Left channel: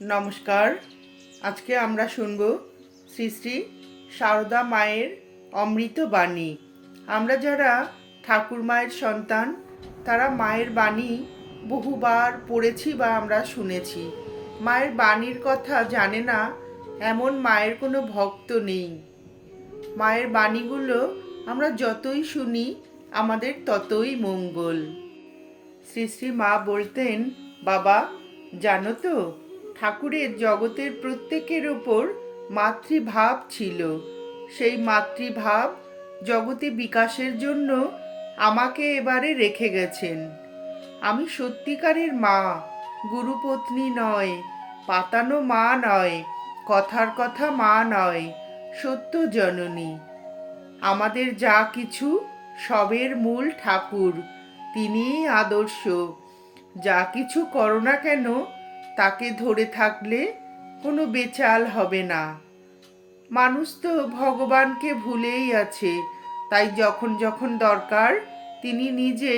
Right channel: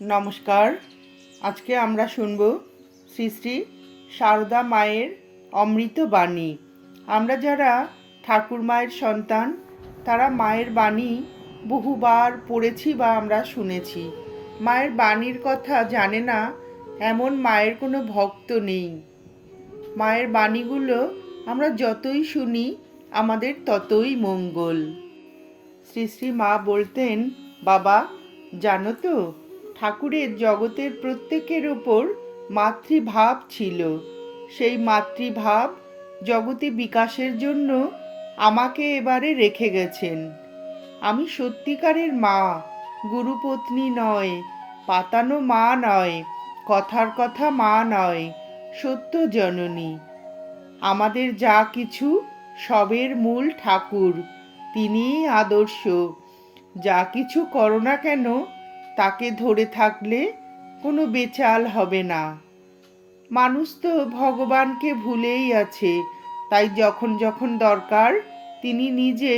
নমস্কার। আজকে আমরা শুনব শ্রী শ্রী সারদা মায়ের অমৃত বাণী। আমরা যারা ঠাকুর মায়ের সন্তান, তারা মায়ের বাণী বহুবার পড়েছি বা আমরা শুনেছি। মায়ের বাণীর কথা জানে না, এমন মায়ের কোনো ভক্ত নেই। মায়ের বাণীগুলো আমরা যতই শুনি, আমাদের ততই মঙ্গল। শ্রী শ্রী মা বলতেন, বাবা, জানো তো ঠাকুরের জগতের প্রত্যেকের ওপর মাতৃভাব ছিল। সেই মাতৃভাব জগতে বিকাশের জন্য আমাকে এবারে রেখে গেছেন। আমি সত্যিকারের মা, গুরুপত্নী নয়, পাতানো মা নয়, কথার কথা মা নয়, সত্য জননী। আমাদের যা কিছু সবের মূল ঠাকুর, তিনিই আদর্শ। যা কিছু করো না কেন তাকে ধরে থাকলে কোনো বেচাল হবে না। মানুষ তো ভগবানকে ভুলেই আছে, তাই যখন যখন দরকার তিনি নিজে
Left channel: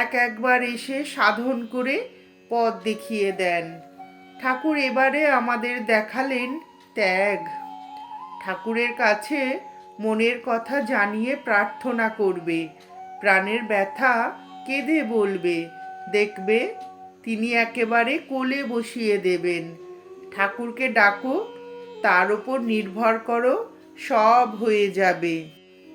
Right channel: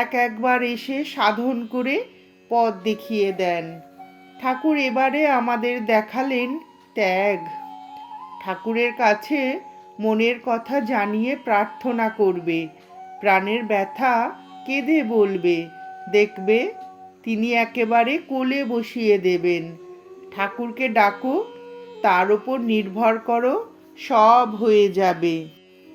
এক একবার এসে সাধন করে পথ দেখিয়ে দেন। ঠাকুর এবারে আমাদের দেখালেন ত্যাগ। ঠাকুরের কাছে মনের কথা জানিয়ে প্রার্থনা করবে, প্রাণের ব্যথা কেঁদে বলবে, দেখবে তিনি একেবারে কোলে বসিয়ে দেবেন। ঠাকুরকে ডাকো, তার ওপর নির্ভর করো, সব হয়ে যাবে।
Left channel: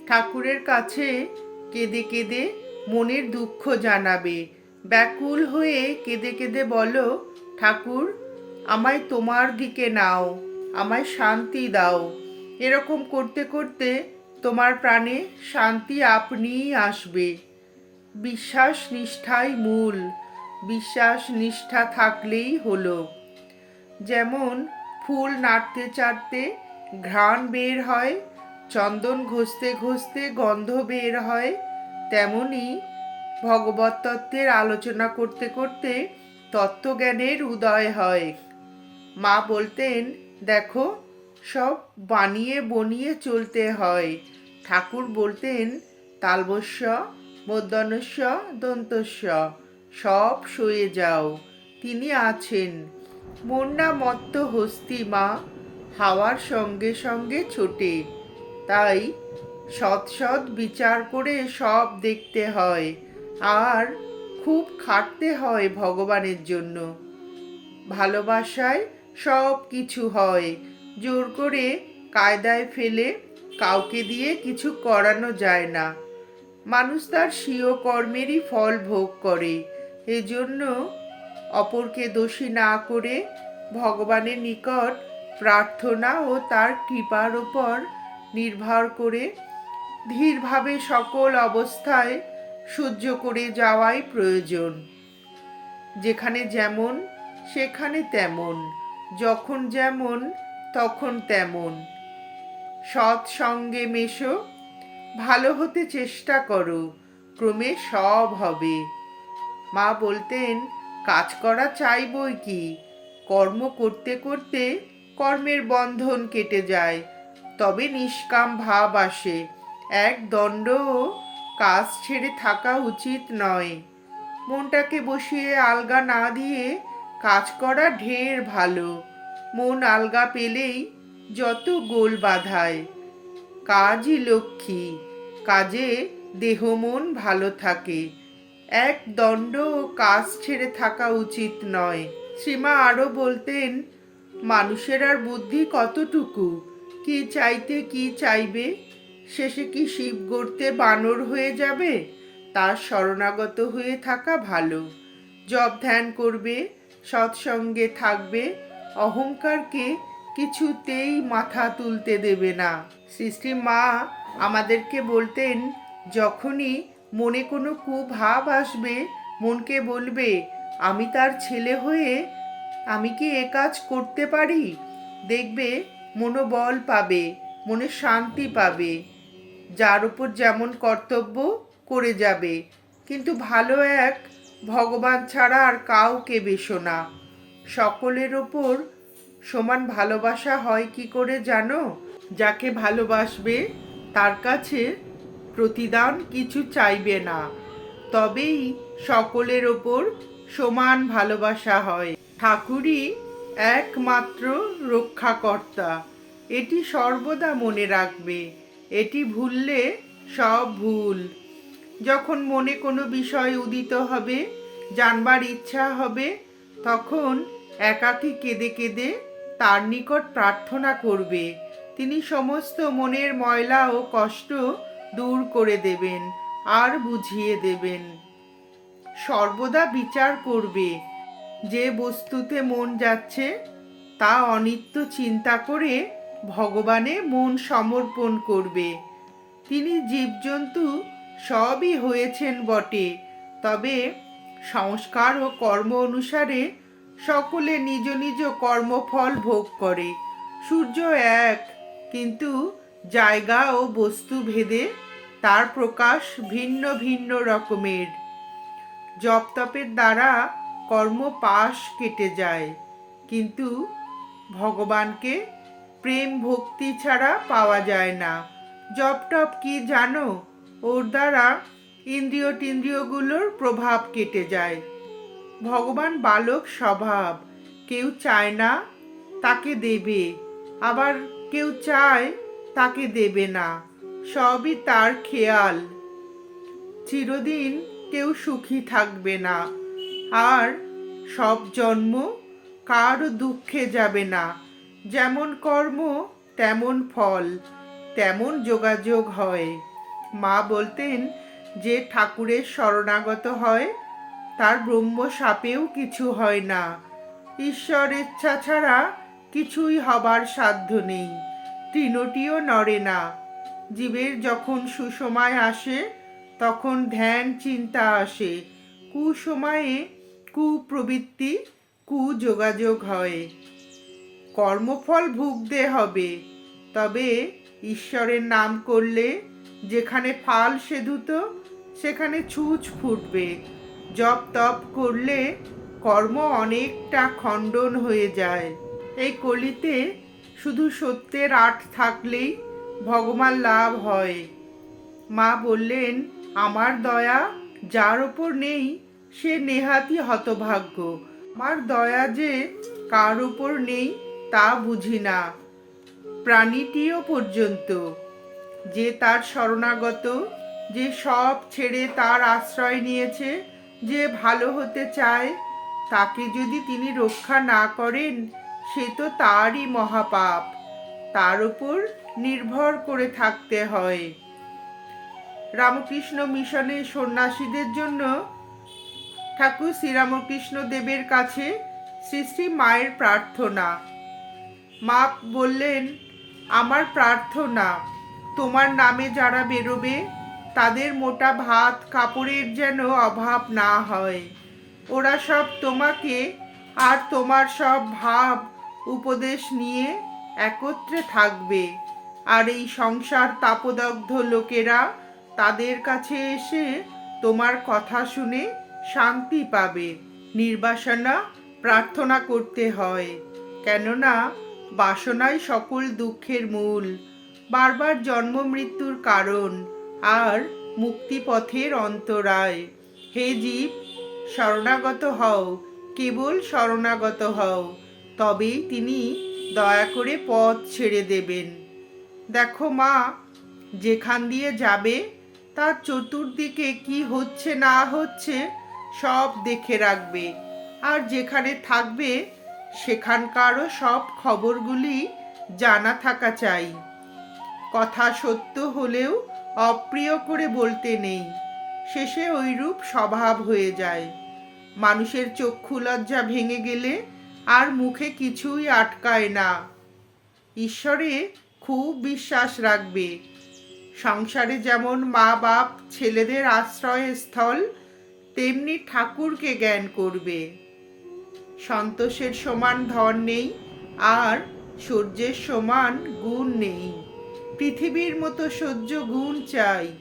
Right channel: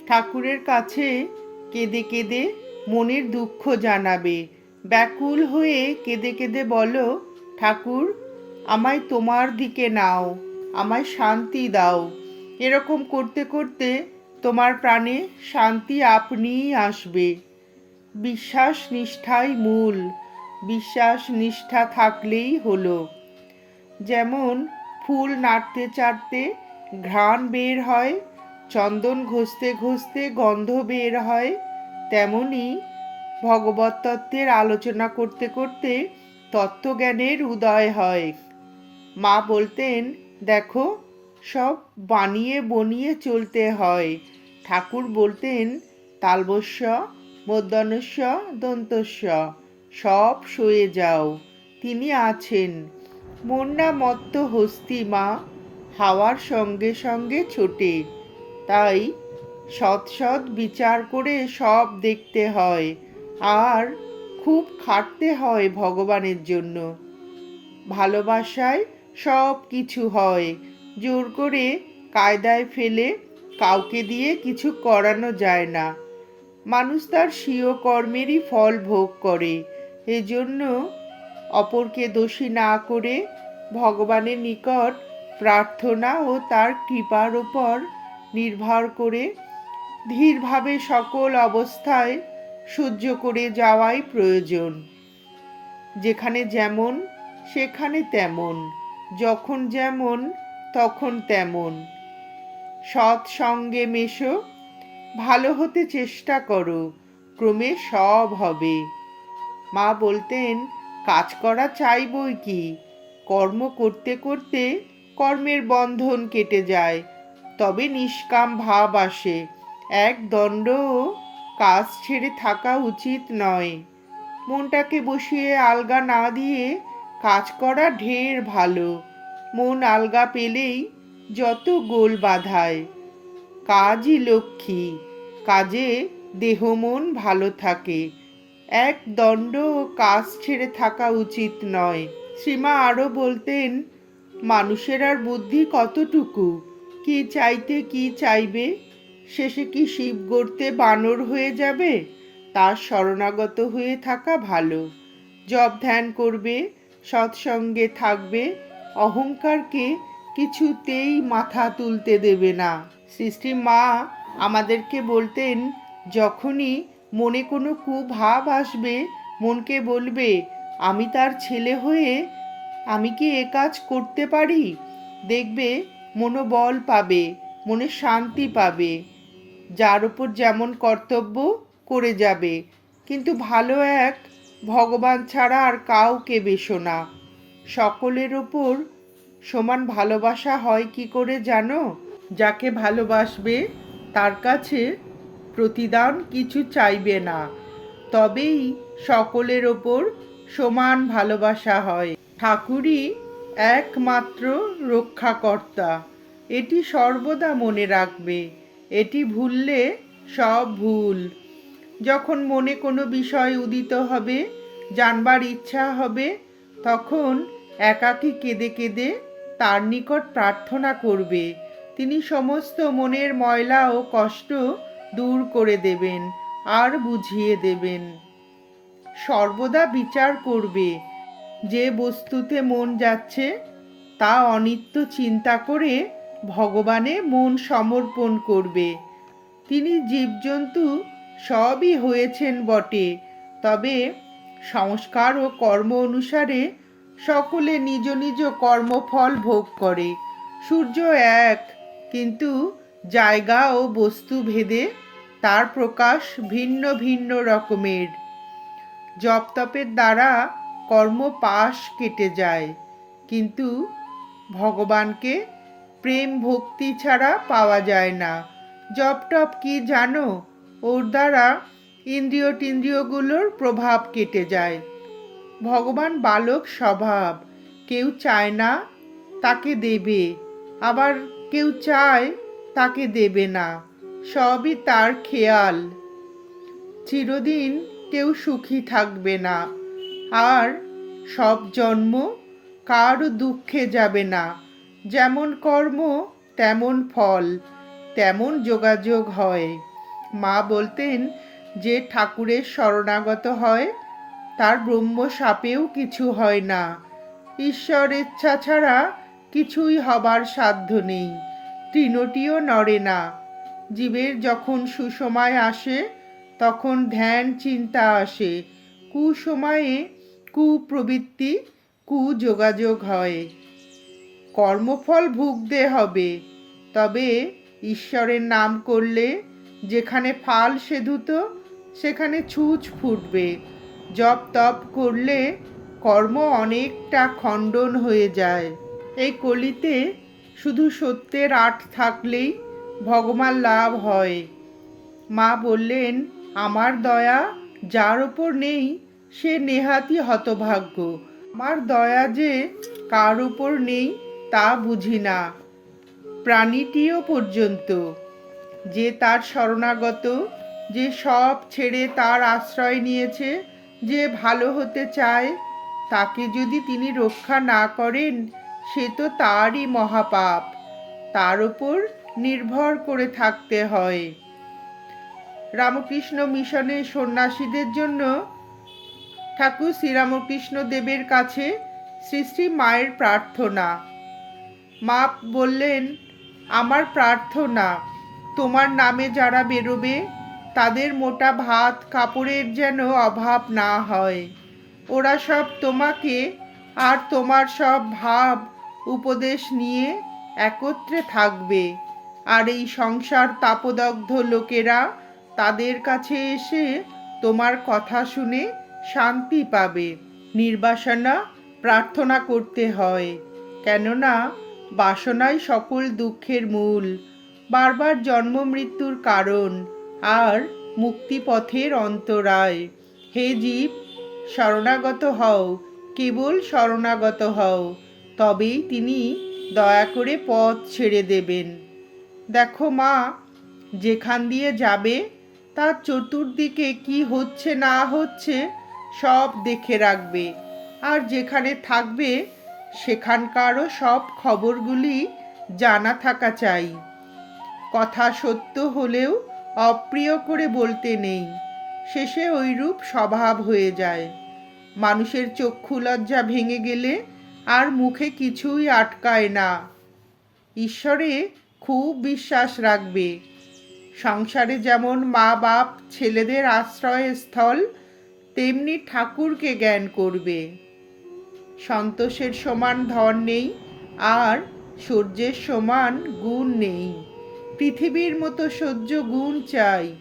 ঠাকুরের কাছে কেঁদে কেঁদে মনের দুঃখ জানাবে। ব্যাকুল হয়ে কেঁদে কেঁদে বলো, ঠাকুর, আমায় তোমার দিকে নাও, আমায় শান্তি দাও। এরকম করতে করতে তোমার প্রাণে শান্তি আপনিই আসবে। বিশ্বাস নিষ্ঠাই মূল। বিশ্বাস নিষ্ঠা থাকলেই হলো। যেমন ফুল নাড়তে চাড়তে ঘ্রাণ বের হয়, চন্দন ঘষতে ঘষতে গন্ধ বের হয়, তেমনি ভগবত তত্ত্বের আলোচনা করতে করতে তত্ত্বজ্ঞানের উদয় হয়। মা বলতেন, দেখো, সব বানিয়ে বনিয়ে চলতে হয়। ঠাকুর বলতেন, তালবস্য মধ্যাহ্নস্য দন্তস্য। সব সয়ে যাও, তিনি আছেন। মন্না মত্ত হস্তি মা হাওয়ার সঙ্গে সঙ্গে ছোটে। তাই সৎ সৎ বিচার করে সব দেখতে হয়, আর খুব খাটতে হয় ভগবানের জন্য। ভালোবাসায় সব কিছু হয়, জোর করে কায়দায় ফেলে কাউকে দিয়ে কিছু করানো যায় না। মানুষ তার স্বীয় কর্মেরই ফল ভোগ করে। এজন্য অপরকে দোষী না করে ভগবানের নিকট প্রার্থনা ও তার কৃপার ওপর নির্ভর করে ধীরভাবে সকল অবস্থায় সহ্য করে যাওয়াই প্রয়োজন। যেখানে যেমন, সেখানে তেমন, যখন যেমন, তখন তেমন। সৎ সঙ্গে মেশো, ভালো হতে চেষ্টা করো, ক্রমে সব হবে। মা বলতেন, কাজ করা চাই বই কি? কর্ম করতে করতে কর্মের বন্ধন কেটে যায়, তবে নিষ্কাম ভাব আসে। এক দণ্ডও কাজ ছেড়ে থাকা উচিত নয়। মনটাকে বসিয়ে আলগা না দিয়ে কাজ করা ঢের ভালো। মন আলগা পেলেই যত গোল বাধায়। কাজই লক্ষ্মী। কাজে দেহ মন ভালো থাকে। এক দণ্ড কাজ ছেড়ে থাকা উচিত নয়। শ্রীমা আরও বলতেন, মানুষের আর বুদ্ধি কতটুকু? কি চাইতে কি চাইবে? শেষে কি শিব গড়তে বানর হয়ে যাবে? তার শরণাগত হয়ে থাকা ভালো। জব ধ্যান করবে, সৎসঙ্গে থাকবে, অহংকারকে কিছুতেই মাথা তুলতে দেবে না। সৃষ্টি মা আমাদেরকে বলতেন, যখনই মনে কোনো কুভাব আসবে? মনকে বলবে, আমি তার ছেলে হয়ে আমি কি এ কাজ করতে পারি? দেখবে মনোবল পাবে, মনে শান্তি পাবে। যার উপর যেমন কর্তব্য করে যাবে। কিন্তু ভালো এক ভগবান ছাড়া আর কাউকে বেশো না। সকলের ওপর সমান ভালোবাসা হয় কি করে জানো? যাকে ভালোবাসবে তার কাছে প্রতিদান কিছু চাইবে না, তবেই সকলের ওপর সমান ভালোবাসা হয়। ঠাকুরই একমাত্র রক্ষাকর্তা, এটি সর্বদা মনে রাখবে, এটি ভুললে সব ভুল। যখন মনে কোনো বিষয় উদিত হবে, জানবার ইচ্ছা হবে, তখন একাকী কেঁদে কেঁদে তার নিকট প্রার্থনা করবে। তিনি সমস্ত মনের ময়লা ও কষ্ট দূর করে দেবেন, আর বুঝিয়ে দেবেন। সর্বদা বিচার করবে, যে বস্তুতে মন যাচ্ছে, তা অনিত্য চিন্তা করে ভগবানে মন সমর্পণ করবে। তিনি জীবজন্তু সবই হয়েছেন বটে, তবে সংস্কার ও কর্ম অনুসারে সকলে নিজ নিজ কর্মফল ভোগ করে। সূর্য এক, কিন্তু জায়গা ও বস্তু ভেদে তার প্রকাশ ভিন্ন ভিন্ন রকমের। জপ তপের দ্বারা কর্ম পাশ কেটে যায়, কিন্তু ভগবানকে প্রেম ভক্তি ছাড়া পাওয়া যায় না। জপ টপ কি জানো? ওর দ্বারা ইন্দ্রিয় টিন্দ্রিয়গুলোর প্রভাব কেটে যায়। ভগবান বালক স্বভাব, কেউ চায় না তাকে দেবে, আবার কেউ চায় তাকে দেবে না, সবই তার খেয়াল। চিরদিন কেউ সুখী থাকবে না, আর সব জন্ম কারও দুঃখে যাবে না। যেমন কর্ম, তেমন ফল, তেমন যোগাযোগ হয়। মা বলতেন, যে ঠাকুরের শরণাগত হয়, তার ব্রহ্ম সাপেও কিছু হয় না। ঈশ্বর ইচ্ছা ছাড়া কিছুই হবার সাধ্য নেই। তৃণটিও নড়ে না। জীবের যখন সুসময় আসে, তখন ধ্যান, চিন্তা আসে। কুসময়ে কুপ্রবৃত্তি, কুযোগাযোগ হয়। কর্মফল ভুগতে হবে। তবে ঈশ্বরের নাম করলে যেখানে ফাল সেধুত, সেখানে ছুঁচ ফুটবে। জপ তপ করলে কর্ম অনেকটা খণ্ডন হয়ে যায়। এই কলিতে শুধু সত্যের আট থাকলেই ভগবান লাভ হয়। মা বললেন, আমার দয়া যার ওপর নেই, সে নেহাতি হতভাগ্য। আমার দয়া যে কার উপর নেই, তা বুঝি না। প্রাণীটিও পর্যন্ত। যে তার শরণাগত, যে সব ছেড়ে তার আশ্রয় নিয়েছে, যে ভালো হতে চায়, তাকে যদি তিনি রক্ষা না করেন সে তো তারই মহাপাপ। তার উপর নির্ভর করে থাকতে হয়। রামকৃষ্ণ মিশনের সন্ন্যাসীদের জন্য ঠাকুর শ্রীরামকৃষ্ণ দেবের কাছে শ্রী শ্রী মায়ের প্রার্থনা। মা বললেন, আমার প্রার্থনা, তোমার নামে যারা বেরোবে, তাদের মোটা ভাত কাপড়ের যেন অভাব না হয়। ওরা সব তোমাকে আর তোমার সব ভাব উপদেশ নিয়ে একত্রে থাকবে। আর এই সংসার তাপদগ্ধ লোকেরা তাদের কাছে এসে তোমার কথা শুনে শান্তি পাবে। নির্বাসনা প্রার্থনা করতে হয়। কেননা বাসনাই সকল দুঃখের মূল। বারবার জন্ম মৃত্যুর কারণ আর মুক্তিপথের অন্তরায়। হে জীব, শরণাগত হও, কেবল শরণাগত হও। তবেই তিনি দয়া করে পথ ছেড়ে দেবেন। দেখো মা, যেখান দিয়ে যাবে, তার চতুর্দিকে কি হচ্ছে না হচ্ছে সব দেখে রাখবে। আর যেখানে থাকবে, সেখানকারও সব খবরগুলি জানা থাকা চাই। কথা সত্য হলেও অপ্রিয় করে বলতে নেই। শেষে ওইরূপ স্বভাব হয়ে যায়। মানুষের চক্ষু লজ্জা ভেঙে গেলে আর মুখে কিছুই আটকায় না। ঈশ্বরে খুব বিশ্বাস রাখবে। সংসারে যেমন মা বাপ ছেলেদের আশ্রয়স্থল, তেমনি ঠাকুরকে জ্ঞান করবে। সন্তোষের সমান ধন নেই, আর সূর্যের সমান গুণ নেই। পৃথিবীর মতো সহ্য গুণ চাই।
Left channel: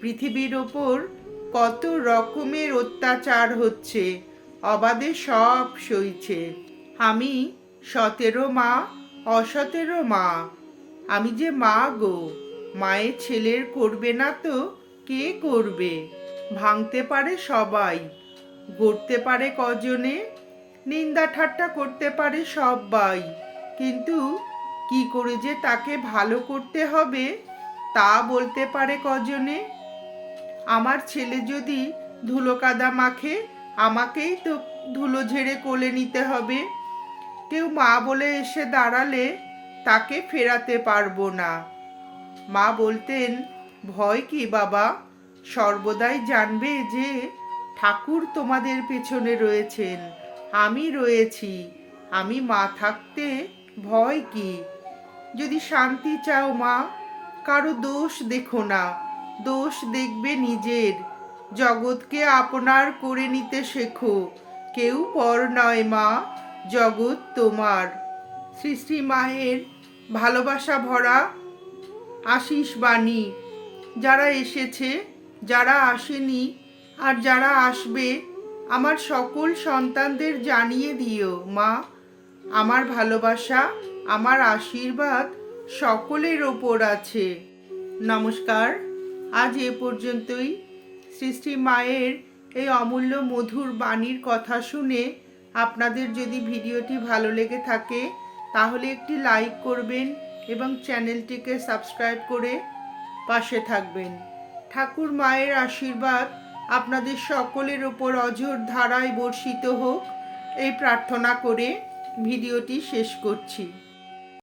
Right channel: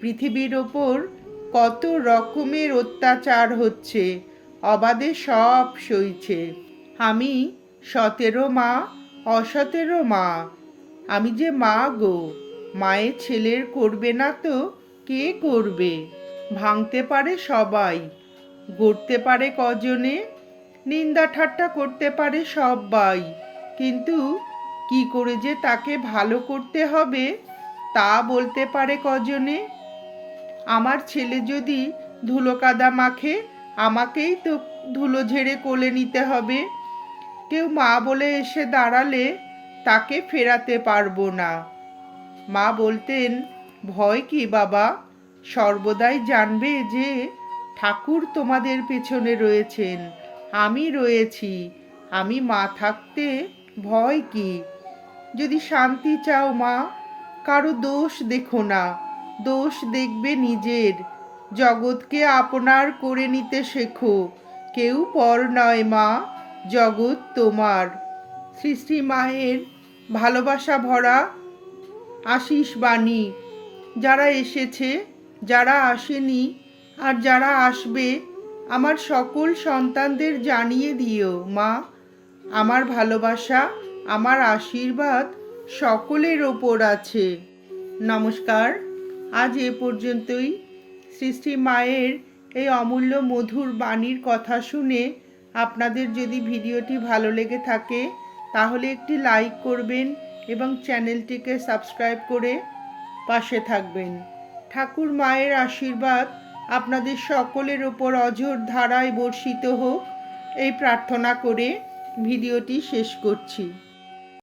পৃথিবীর ওপর কত রকমের অত্যাচার হচ্ছে, অবাধে সব সইছে। আমি সতেরো মা, অসতেরো মা। আমি যে মা গো মায়ের ছেলের করবে না তো কে করবে? ভাঙতে পারে সবাই, গড়তে পারে কজনে, নিন্দা ঠাট্টা করতে পারে সবাই কিন্তু কি করে যে তাকে ভালো করতে হবে, তা বলতে পারে কজনে? আমার ছেলে যদি ধুলো কাদা মাখে, আমাকেই তো ধুলো ঝেড়ে কোলে নিতে হবে। কেউ মা বলে এসে দাঁড়ালে তাকে ফেরাতে পারব না। মা বলতেন, ভয় কি বাবা? সর্বদাই জানবে যে ঠাকুর তোমাদের পেছনে রয়েছেন। আমি রয়েছি। আমি মা থাকতে ভয় কি? যদি শান্তি চাও মা, কারও দোষ দেখো না। দোষ দেখবে নিজের। জগৎকে আপনার করে নিতে শেখো। কেউ পর নয় মা। জগৎ তোমার। সৃষ্টি মায়ের ভালোবাসা ভরা আশিস বাণী। যারা এসেছে, যারা আসেনি আর যারা আসবে, আমার সকল সন্তানদের জানিয়ে দিও, মা। আমার ভালোবাসা, আমার আশীর্বাদ সকলের ওপর আছে। নমস্কার। আজ এ পর্যন্তই। সৃষ্টি মায়ের এই অমূল্য মধুর বাণীর কথা শুনে আপনাদের যদি ভিডিওটি ভালো লেগে থাকে, তাহলে একটি লাইক করবেন এবং চ্যানেলটিকে সাবস্ক্রাইব করে পাশে থাকবেন। ঠাকুর মায়ের আশীর্বাদ আপনাদের সকলের ওপর অঝোর ধারায় বর্ষিত হোক। এই প্রার্থনা করে ভিডিওটি শেষ করছি।